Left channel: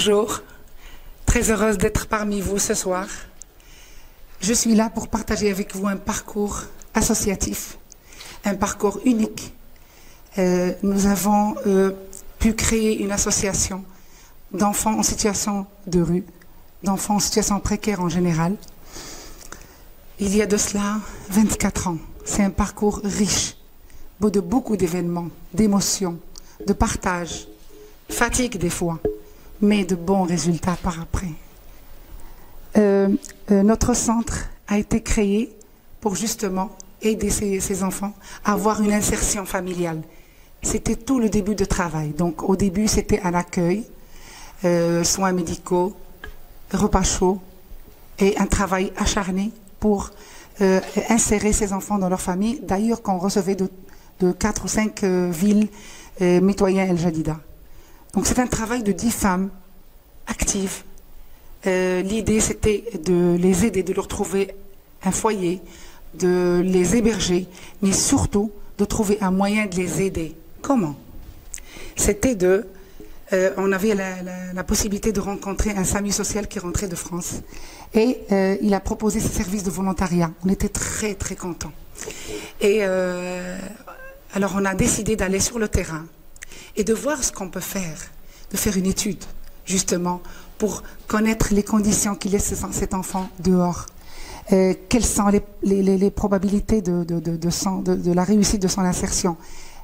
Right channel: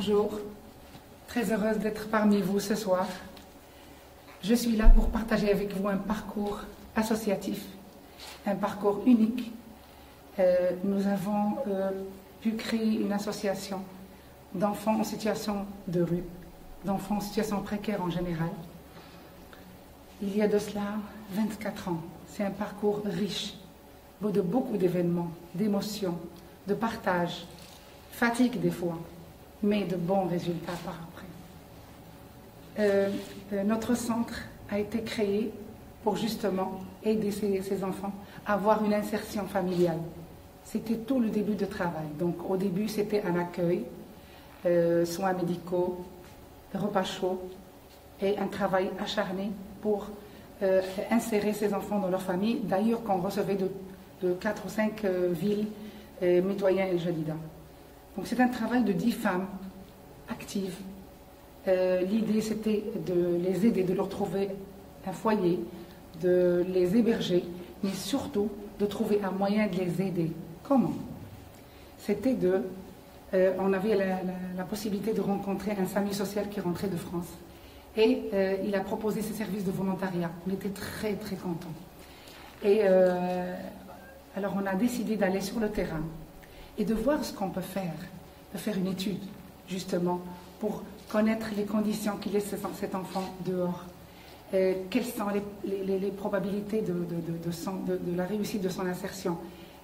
Bonjour, très heureuse d'être parmi vous ce soir. Je suis là pour partager avec vous un parcours associatif, un parcours unique. Nous avons pu créer une association d'enfants en situation de rue, d'enfants en situation précaire en général. Il y a de cela 24 ans. C'est un parcours riche, beau de beaucoup d'événements, d'émotions, de partage, fatigue des fois, mais de bons résultats par après. Notre centre a été créé pour justement aider ces enfants à avoir une insertion familiale. C'était tout le début de travail. Donc au début, c'était un accueil, soins médicaux, repas chauds et un travail acharné pour insérer ces enfants dans leur famille. D'ailleurs, qu'on recevait de 4 ou 5 villes mitoyens El Jadida. Donc c'est un travail de 10 femmes actives. L'idée, c'était de les aider, de leur trouver un foyer, de les héberger, mais surtout de trouver un moyen de les aider. Comment? C'était on avait la possibilité de rencontrer un SAMU social qui rentrait de France. Et il a proposé ses services de volontariat. On était très, très contents. Et alors, on a décidé d'aller sur le terrain et de voir ce qu'on peut faire, de faire une étude, justement, pour connaître les conditions qui laissent cet enfant dehors. Quelles sont les probabilités de la réussite de son insertion?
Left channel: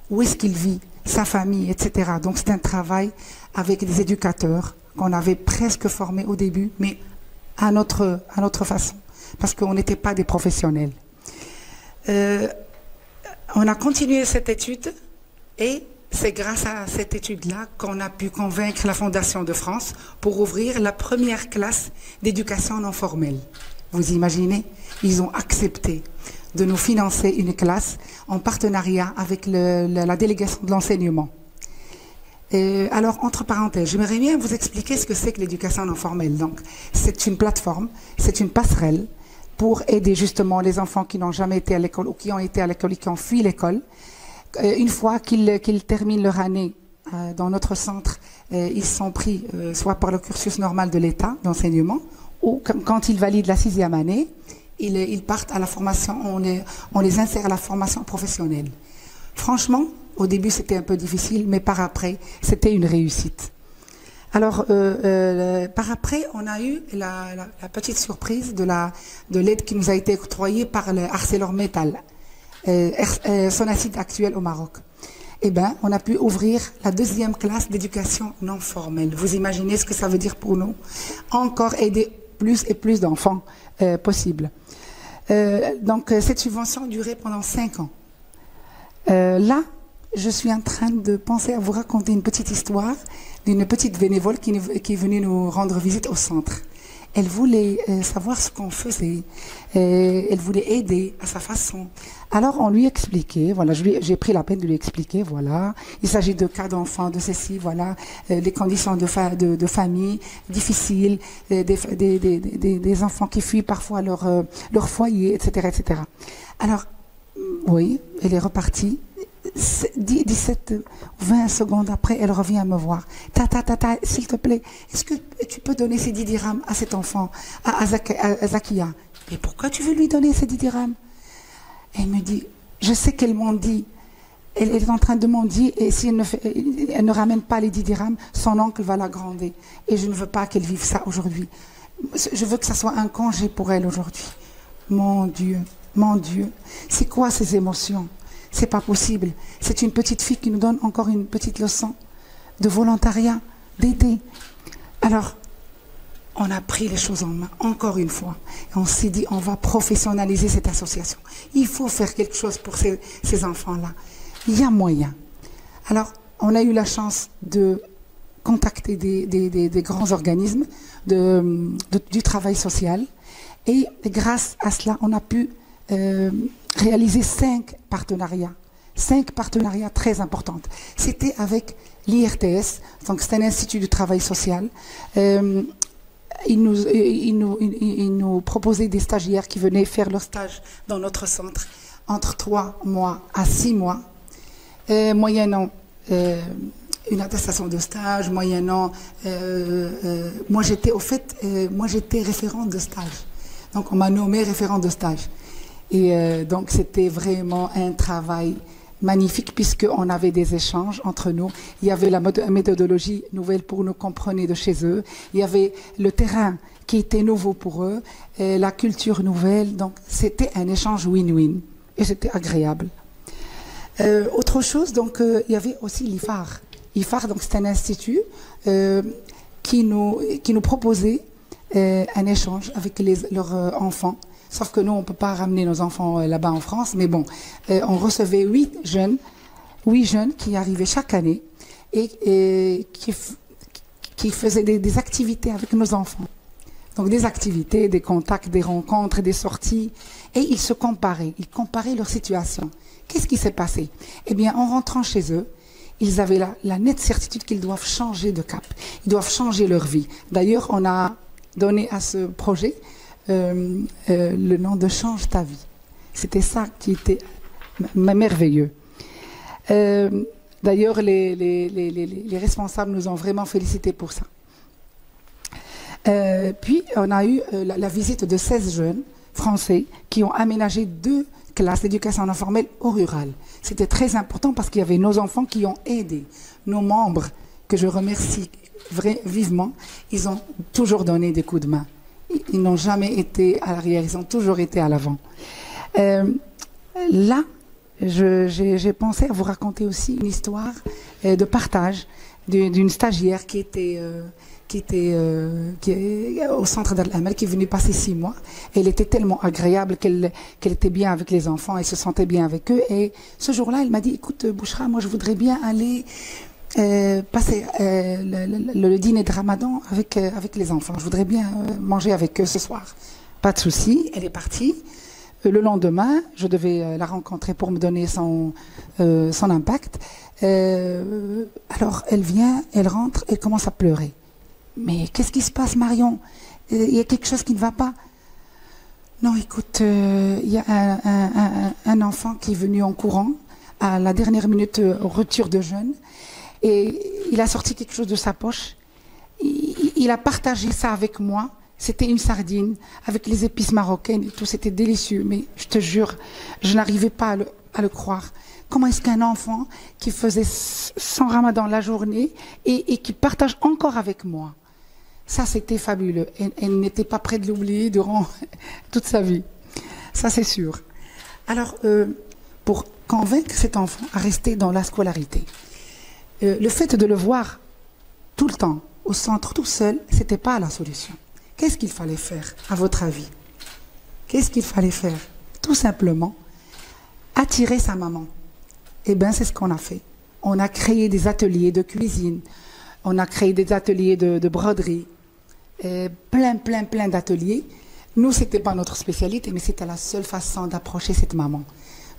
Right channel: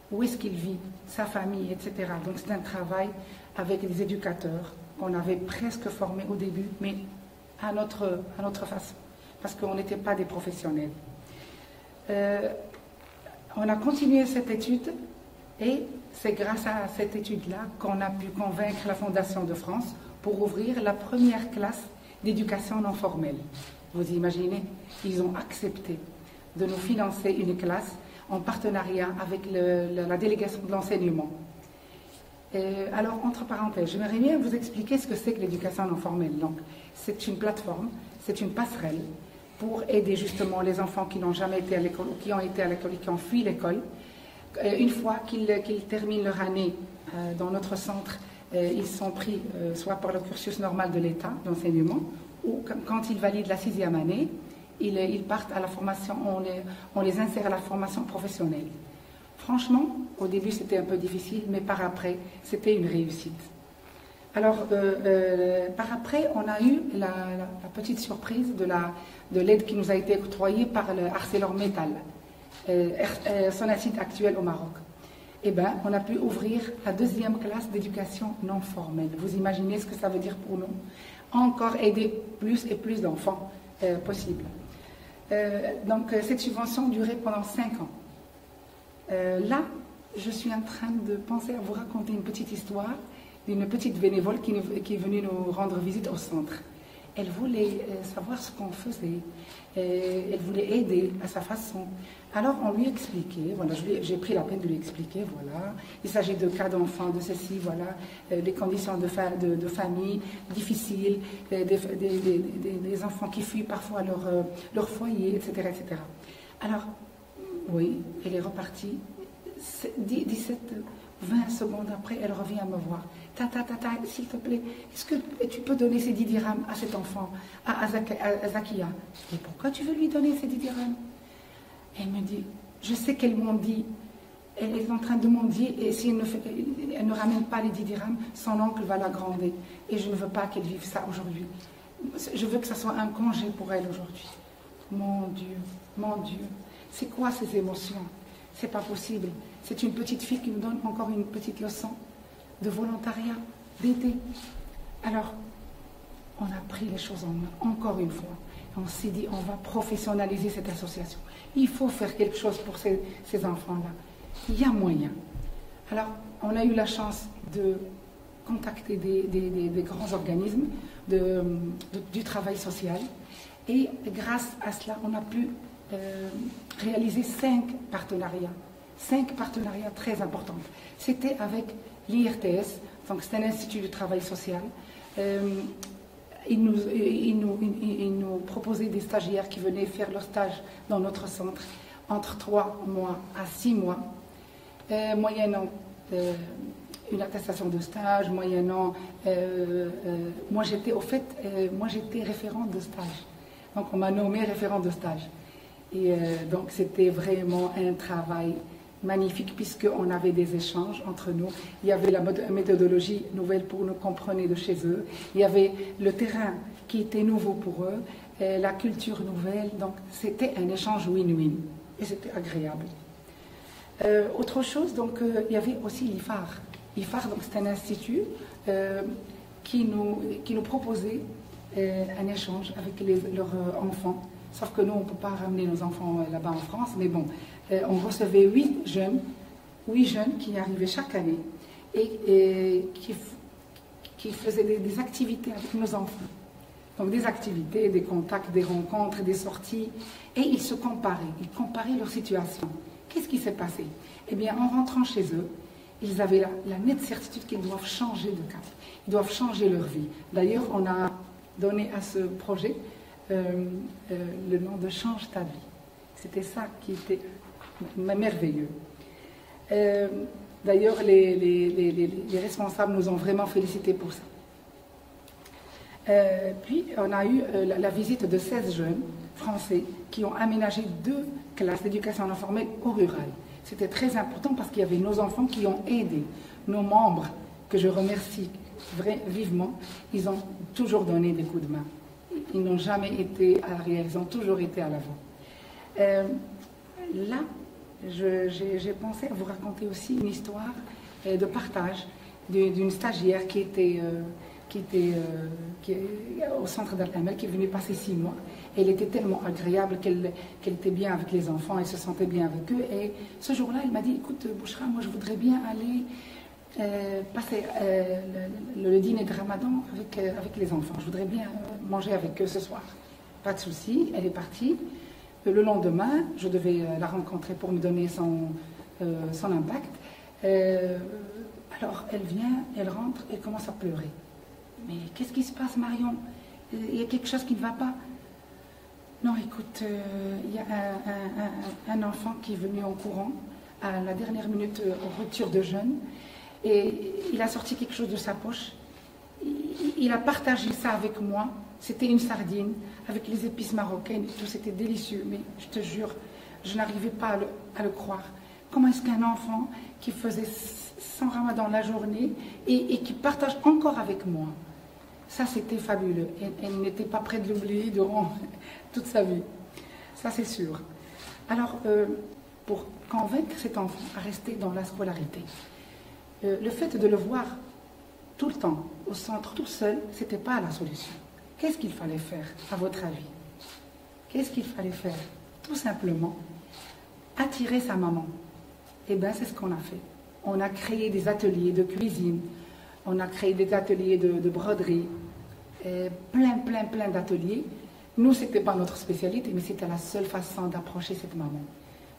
Où est-ce qu'il vit, sa famille, etc. Donc c'est un travail avec des éducateurs qu'on avait presque formés au début, mais à notre façon, parce qu'on n'était pas des professionnels. On a continué cette étude et c'est grâce à cette étude-là qu'on a pu convaincre la Fondation de France pour ouvrir la première classe d'éducation non formelle. Vous imaginez? Ils ont accepté de nous financer une classe en partenariat avec la délégation de l'enseignement. Alors, entre parenthèses, j'aimerais bien vous expliquer ce que c'est que l'éducation non formelle. Donc, c'est une plateforme, c'est une passerelle pour aider justement les enfants qui n'ont jamais été à l'école ou qui ont été à l'école et qui ont fui l'école. Une fois qu'ils terminent leur année dans notre centre, ils sont pris soit par le cursus normal de l'État d'enseignement ou quand ils valident la 6e année, ils partent à la formation, on les insère à la formation professionnelle. Franchement, au début c'était un peu difficile, mais par après, c'était une réussite. Alors, par après, on a eu la petite surprise de l'aide qui nous a été octroyée par le ArcelorMittal, Sonacide actuel au Maroc. Eh bien, on a pu ouvrir la 2e classe d'éducation non formelle. Vous imaginez ce que ça veut dire pour nous? Encore aider plus et plus d'enfants possible. Donc, cette subvention durait pendant 5 ans. Là, je suis en train de penser à vous raconter une petite histoire d'une petite bénévole qui est venue nous rendre visite au centre. Elle voulait savoir ce qu'on faisait. Elle voulait aider à sa façon. Alors, on lui expliquait, voilà, j'ai pris la peine de lui expliquer, voilà, il s'agit de cas d'enfants, de ceci, voilà, des conditions de famille difficiles, des enfants qui fuient parfois leur foyer, etc., etc. Alors, oui, elle est repartie. 17, 20 secondes après, elle revient me voir. Tata, s'il te plaît, est-ce que tu peux donner ces 10 dirhams à cet enfant, à Zakia? Mais pourquoi tu veux lui donner ces 10 dirhams? Elle me dit, je sais qu'elle m'en dit, elle est en train de m'en dire, et si elle ne ramène pas les 10 dirhams, son oncle va la gronder. Et je ne veux pas qu'elle vive ça aujourd'hui. Je veux que ça soit un congé pour elle aujourd'hui. Mon Dieu, c'est quoi ces émotions? C'est pas possible. C'est une petite fille qui nous donne encore une petite leçon de volontariat, d'aider. Alors, on a pris les choses en main, encore une fois. Et on s'est dit, on va professionnaliser cette association. Il faut faire quelque chose pour ces enfants-là. Il y a moyen. Alors, on a eu la chance de contacter des grands organismes du travail social. Et grâce à cela, on a pu réaliser 5 partenariats. 5 partenariats très importants. C'était avec l'IRTS, donc c'est un institut du travail social. Ils nous proposaient des stagiaires qui venaient faire leur stage dans notre centre entre 3 mois à 6 mois, moyennant une attestation de stage, moyennant... moi, j'étais référente de stage. Donc, on m'a nommée référente de stage. Et donc, c'était vraiment un travail magnifique, puisqu'on avait des échanges entre nous. Il y avait la méthodologie nouvelle pour nous, qu'on prenait de chez eux. Il y avait le terrain qui était nouveau pour eux, et la culture nouvelle. Donc, c'était un échange win-win. Et c'était agréable. Autre chose, donc, il y avait aussi l'IFAR. l'IFAR, donc c'est un institut qui nous proposait un échange avec leurs enfants. Sauf que nous, on ne peut pas ramener nos enfants là-bas en France. Mais bon, on recevait 8 jeunes qui arrivaient chaque année et qui faisaient des activités avec nos enfants. Donc des activités, des contacts, des rencontres, des sorties. Et ils se comparaient. Ils comparaient leur situation. Qu'est-ce qui s'est passé? Eh bien, en rentrant chez eux, ils avaient la nette certitude qu'ils doivent changer de cap. Ils doivent changer leur vie. D'ailleurs, on a donné à ce projet le nom de Change ta vie. C'était ça qui était merveilleux. D'ailleurs, les responsables nous ont vraiment félicités pour ça. Puis, on a eu la visite de 16 jeunes français qui ont aménagé 2 classes d'éducation non formelle au rural. C'était très important parce qu'il y avait nos enfants qui ont aidé, nos membres, que je remercie vivement. Ils ont toujours donné des coups de main. Ils n'ont jamais été à l'arrière, ils ont toujours été à l'avant. Là, j'ai pensé à vous raconter aussi une histoire de partage d'une stagiaire qui est au centre d'Al-Amal, qui est venue passer 6 mois. Elle était tellement agréable qu'elle était bien avec les enfants, elle se sentait bien avec eux. Et ce jour-là, elle m'a dit, écoute Bouchra, moi je voudrais bien aller passer le dîner de Ramadan avec les enfants. Je voudrais bien manger avec eux ce soir. Pas de souci, elle est partie. Le lendemain, je devais la rencontrer pour me donner son impact. Alors elle vient, elle rentre, elle commence à pleurer. Mais qu'est-ce qui se passe, Marion? Il y a quelque chose qui ne va pas? Non, écoute, il y a un enfant qui est venu en courant à la dernière minute au retour de jeûne et il a sorti quelque chose de sa poche. Il a partagé ça avec moi. C'était une sardine avec les épices marocaines et tout. C'était délicieux, mais je te jure, je n'arrivais pas à le croire. Comment est-ce qu'un enfant qui faisait son ramadan la journée et qui partage encore avec moi? Ça, c'était fabuleux. Elle n'était pas prête de l'oublier durant toute sa vie. Ça, c'est sûr. Alors, pour convaincre cet enfant à rester dans la scolarité, le fait de le voir tout le temps au centre, tout seul, ce n'était pas la solution. Qu'est-ce qu'il fallait faire, à votre avis? Qu'est-ce qu'il fallait faire? Tout simplement, attirer sa maman. Eh bien, c'est ce qu'on a fait. On a créé des ateliers de cuisine, on a créé des ateliers de broderie, plein d'ateliers. Nous, ce n'était pas notre spécialité, mais c'était la seule façon d'approcher cette maman,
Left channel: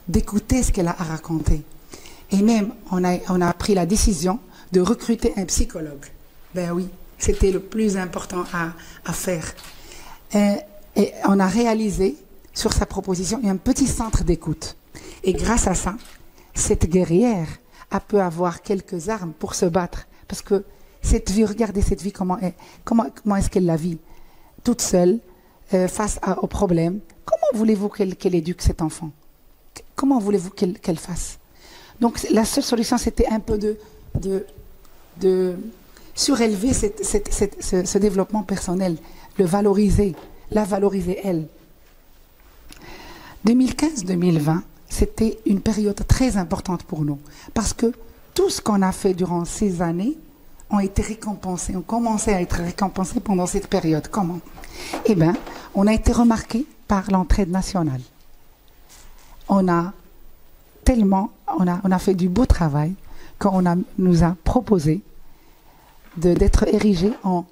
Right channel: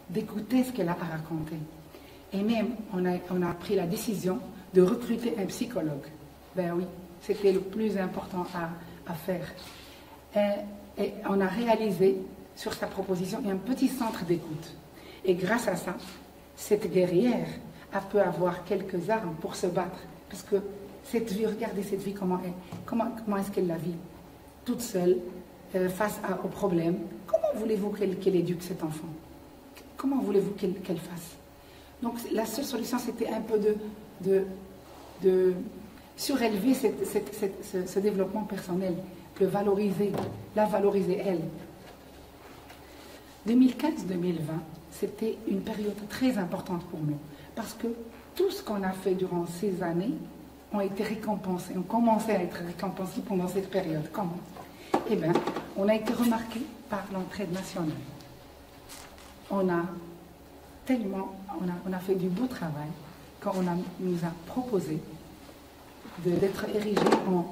d'écouter ce qu'elle a à raconter. Et même, on a pris la décision de recruter un psychologue. Ben oui, c'était le plus important à faire. Et on a réalisé, sur sa proposition, un petit centre d'écoute. Et grâce à ça, cette guerrière a pu avoir quelques armes pour se battre. Parce que cette vie, regardez cette vie, comment est-ce qu'elle la vit? Toute seule, face aux problèmes. Comment voulez-vous qu'elle éduque cet enfant? Comment voulez-vous qu'elle fasse? Donc la seule solution, c'était un peu de surélever ce développement personnel, le valoriser, la valoriser elle. 2015-2020, c'était une période très importante pour nous, parce que tout ce qu'on a fait durant ces années ont été récompensés, ont commencé à être récompensés pendant cette période. Comment? Eh bien, on a été remarqué par l'entraide nationale. On a fait du beau travail qu'on nous a proposé d'être érigé en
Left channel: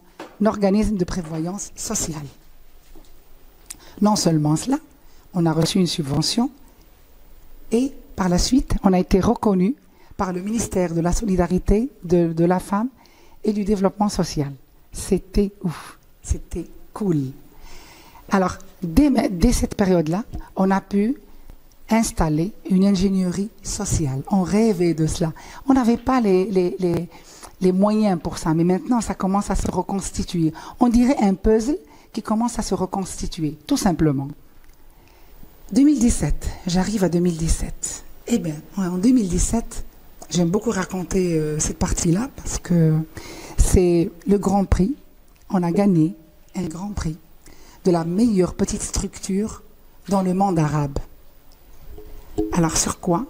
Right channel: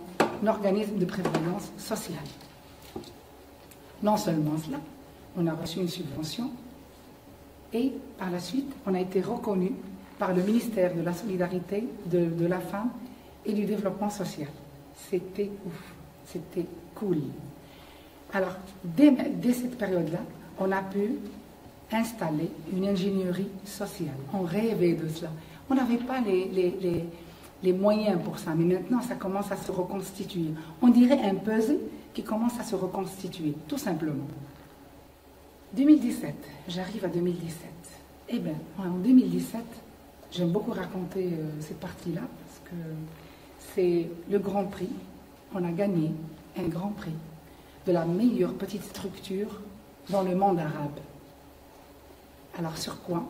organisme de prévoyance sociale. Non seulement cela, on a reçu une subvention et par la suite, on a été reconnu par le ministère de la Solidarité, de la Femme et du Développement social. C'était ouf, c'était cool. Alors, dès cette période-là, on a pu installer une ingénierie sociale. On rêvait de cela. On n'avait pas les moyens pour ça, mais maintenant ça commence à se reconstituer. On dirait un puzzle qui commence à se reconstituer, tout simplement. 2017, j'arrive à 2017. Eh bien, en 2017, j'aime beaucoup raconter cette partie-là parce que c'est le Grand Prix. On a gagné un Grand Prix de la meilleure petite structure dans le monde arabe. Alors sur quoi?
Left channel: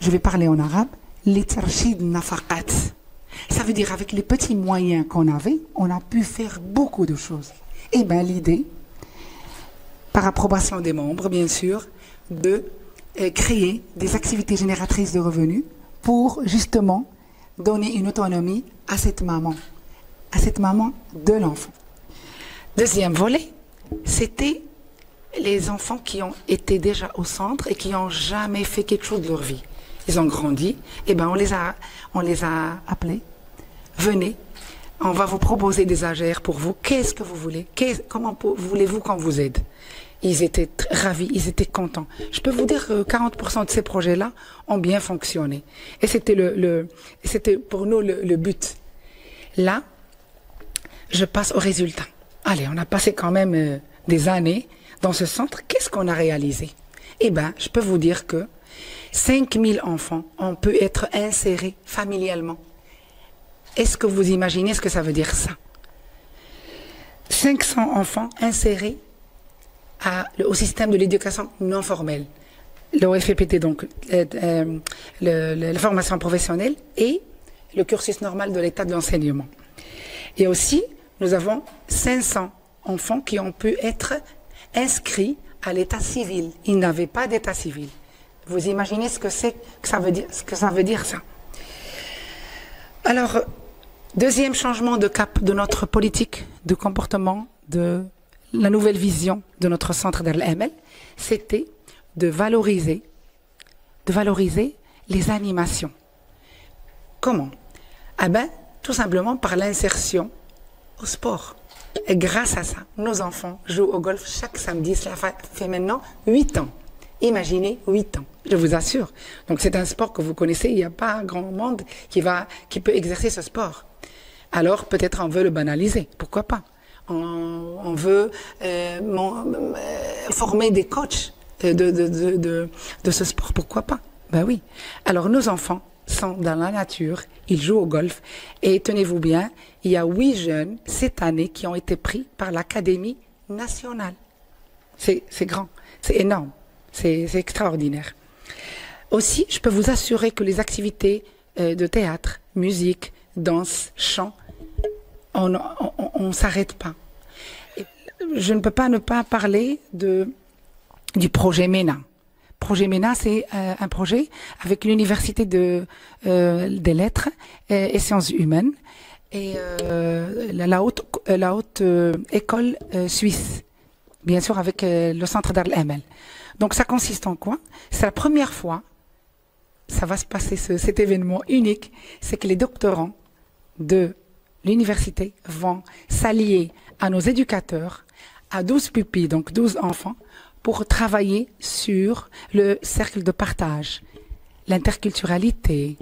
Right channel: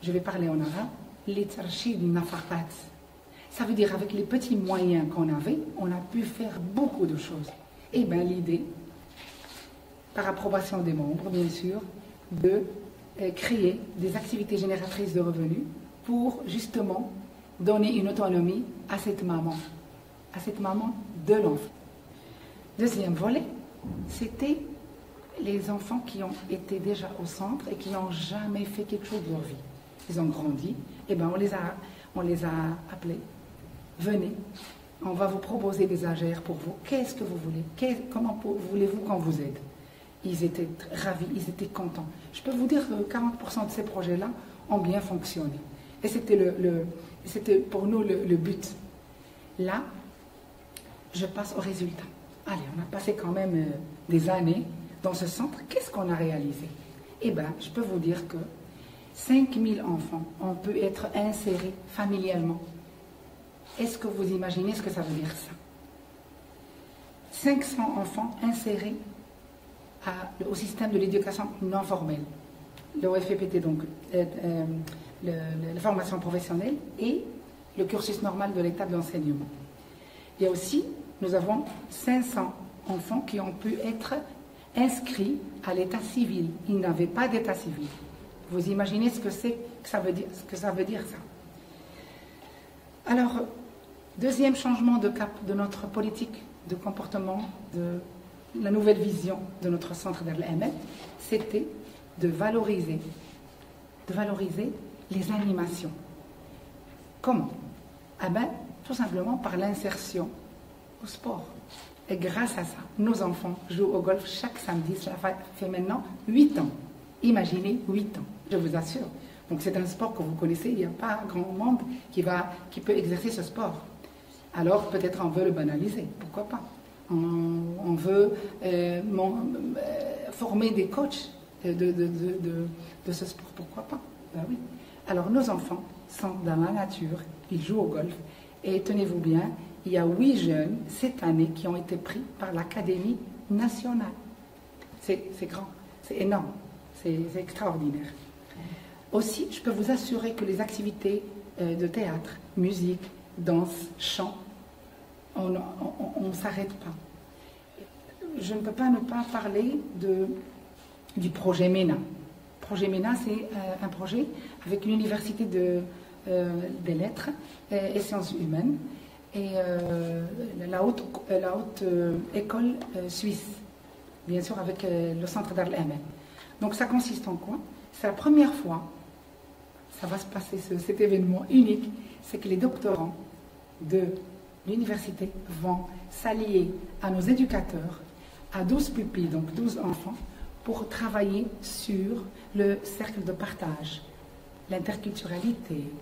Je vais parler en arabe. Litarshid nafaqat. Ça veut dire avec les petits moyens qu'on avait, on a pu faire beaucoup de choses. Eh bien l'idée, par approbation des membres bien sûr, de créer des activités génératrices de revenus pour justement donner une autonomie à cette maman de l'enfant. Deuxième volet, c'était les enfants qui ont été déjà au centre et qui n'ont jamais fait quelque chose de leur vie. Ils ont grandi, et ben on les a appelés. Venez, on va vous proposer des AGR pour vous. Qu'est-ce que vous voulez? Comment voulez-vous qu'on vous aide? Ils étaient ravis, ils étaient contents. Je peux vous dire que 40% de ces projets-là ont bien fonctionné. Et c'était c'était pour nous le but. Là, je passe au résultat. Allez, on a passé quand même des années dans ce centre. Qu'est-ce qu'on a réalisé? Eh bien, je peux vous dire que 5000 enfants ont pu être insérés familialement. Est-ce que vous imaginez ce que ça veut dire ça? 500 enfants insérés au système de l'éducation non formelle. L'OFPT, donc la formation professionnelle et le cursus normal de l'état de l'enseignement. Et aussi, nous avons 500 enfants qui ont pu être inscrits à l'état civil. Ils n'avaient pas d'état civil. Vous imaginez ce que ça veut dire ça? Alors, deuxième changement de cap de notre politique de comportement, de la nouvelle vision de notre centre Dar el-Amal, c'était de valoriser les animations. Comment? Ah ben, tout simplement par l'insertion au sport. Et grâce à ça, nos enfants jouent au golf chaque samedi. Cela fait maintenant 8 ans. Imaginez 8 ans, je vous assure. Donc c'est un sport que vous connaissez, il n'y a pas un grand monde qui peut exercer ce sport. Alors peut-être on veut le banaliser, pourquoi pas? On veut former des coachs de ce sport, pourquoi pas? Ben oui. Alors nos enfants sont dans la nature, ils jouent au golf et tenez-vous bien, il y a 8 jeunes cette année qui ont été pris par l'Académie nationale. C'est grand, c'est énorme, c'est extraordinaire. Aussi, je peux vous assurer que les activités de théâtre, musique, danse, chant, on ne s'arrête pas. Je ne peux pas ne pas parler du projet MENA. Projet MENA, c'est un projet avec l'Université des Lettres et Sciences Humaines et la haute école suisse, bien sûr avec le centre Dar el-Amal. Donc ça consiste en quoi? C'est la première fois, ça va se passer cet événement unique, c'est que les doctorants de l'université vont s'allier à nos éducateurs, à 12 pupilles, donc 12 enfants, pour travailler sur le cercle de partage, l'interculturalité,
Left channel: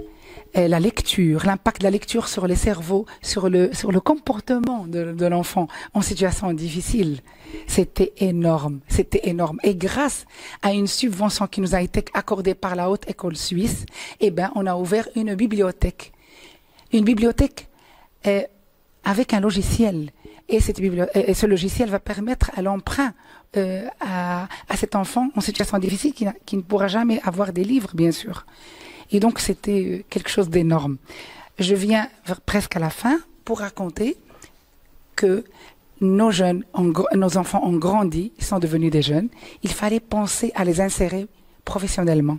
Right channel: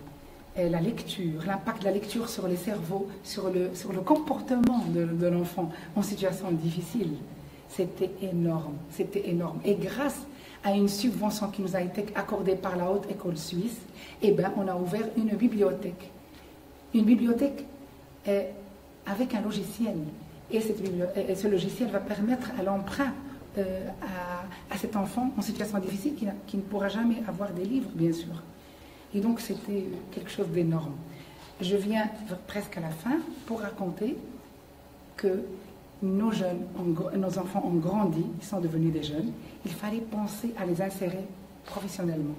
la lecture, l'impact de la lecture sur les cerveaux, sur le comportement de l'enfant en situation difficile. C'était énorme, c'était énorme. Et grâce à une subvention qui nous a été accordée par la Haute École Suisse, eh ben, on a ouvert une bibliothèque. Une bibliothèque avec un logiciel. Et ce logiciel va permettre à l'emprunt à cet enfant en situation difficile qui ne pourra jamais avoir des livres, bien sûr. Et donc, c'était quelque chose d'énorme. Je viens presque à la fin pour raconter que nos enfants ont grandi, ils sont devenus des jeunes. Il fallait penser à les insérer professionnellement.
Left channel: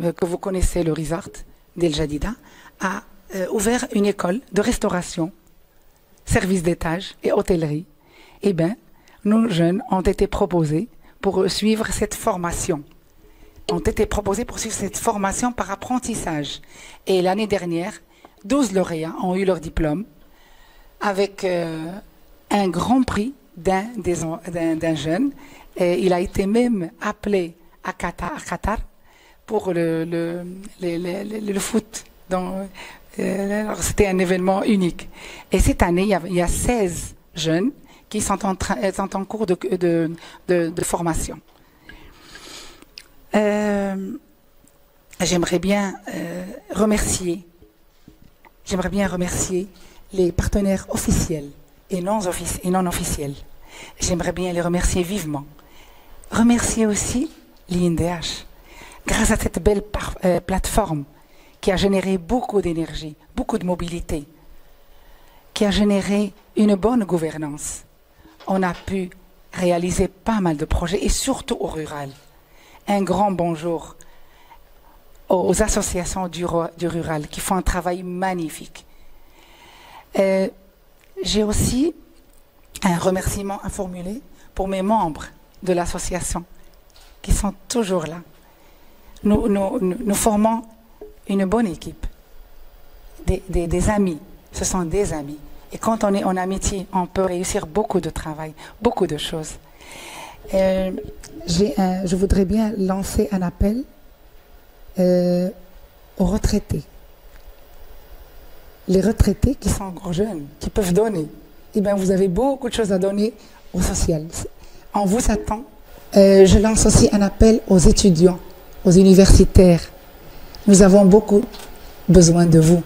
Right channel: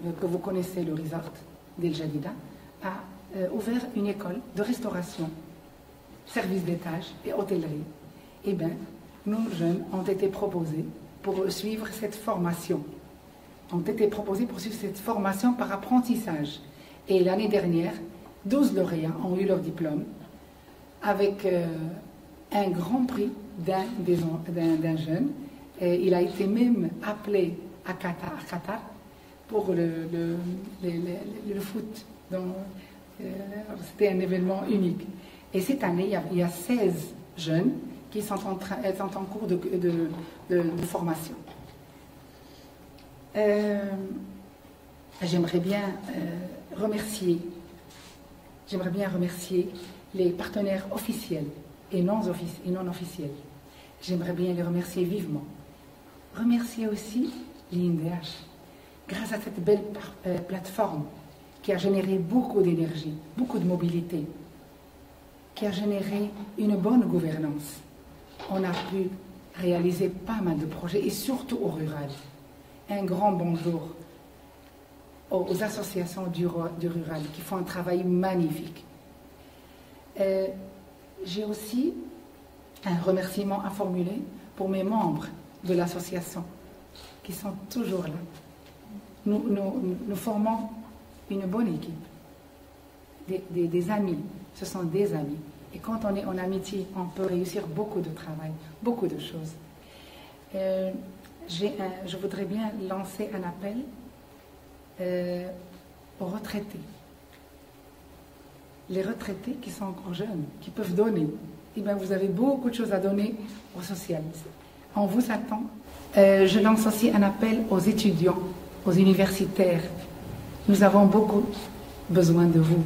Que vous connaissez, le Resort d'El Jadida a ouvert une école de restauration, service d'étage et hôtellerie. Eh bien, nos jeunes ont été proposés pour suivre cette formation. Par apprentissage. Et l'année dernière, 12 lauréats ont eu leur diplôme avec un grand prix d'un jeune. Et il a été même appelé à Qatar pour le foot. C'était un événement unique. Et cette année, il y a 16 jeunes qui sont en cours de formation. J'aimerais bien remercier les partenaires officiels et non officiels. J'aimerais bien les remercier vivement. Remercier aussi l'INDH. Grâce à cette belle plateforme qui a généré beaucoup d'énergie, beaucoup de mobilité, qui a généré une bonne gouvernance, on a pu réaliser pas mal de projets, et surtout au rural. Un grand bonjour aux associations du rural qui font un travail magnifique. J'ai aussi un remerciement à formuler pour mes membres de l'association qui sont toujours là. Nous formons une bonne équipe, des amis, ce sont des amis. Et quand on est en amitié, on peut réussir beaucoup de travail, beaucoup de choses. Je voudrais bien lancer un appel aux retraités. Les retraités qui sont encore jeunes, qui peuvent donner, eh bien, vous avez beaucoup de choses à donner au social. On vous attend. Je lance aussi un appel aux étudiants, aux universitaires. Nous avons beaucoup besoin de vous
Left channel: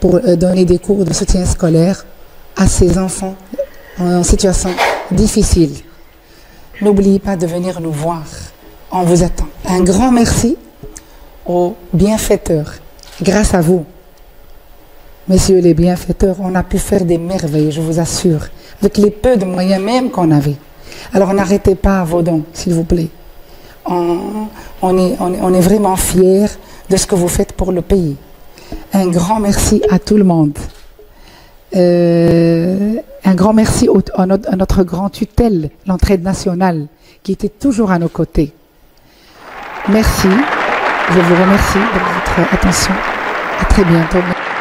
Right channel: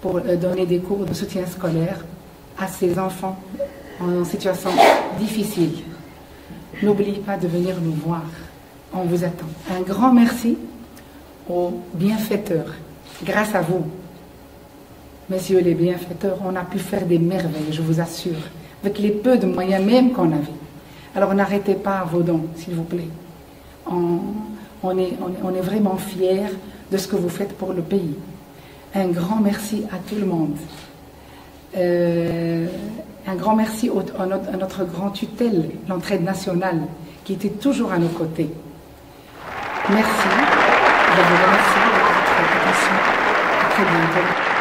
pour donner des cours de soutien scolaire à ces enfants en situation difficile. N'oubliez pas de venir nous voir. On vous attend. Un grand merci aux bienfaiteurs. Grâce à vous, messieurs les bienfaiteurs, on a pu faire des merveilles, je vous assure, avec les peu de moyens même qu'on avait. Alors n'arrêtez pas vos dons, s'il vous plaît. On est vraiment fiers de ce que vous faites pour le pays. Un grand merci à tout le monde. Un grand merci à notre grand tutelle, l'Entraide nationale, qui était toujours à nos côtés. Merci. Je vous remercie de votre attention. À très bientôt.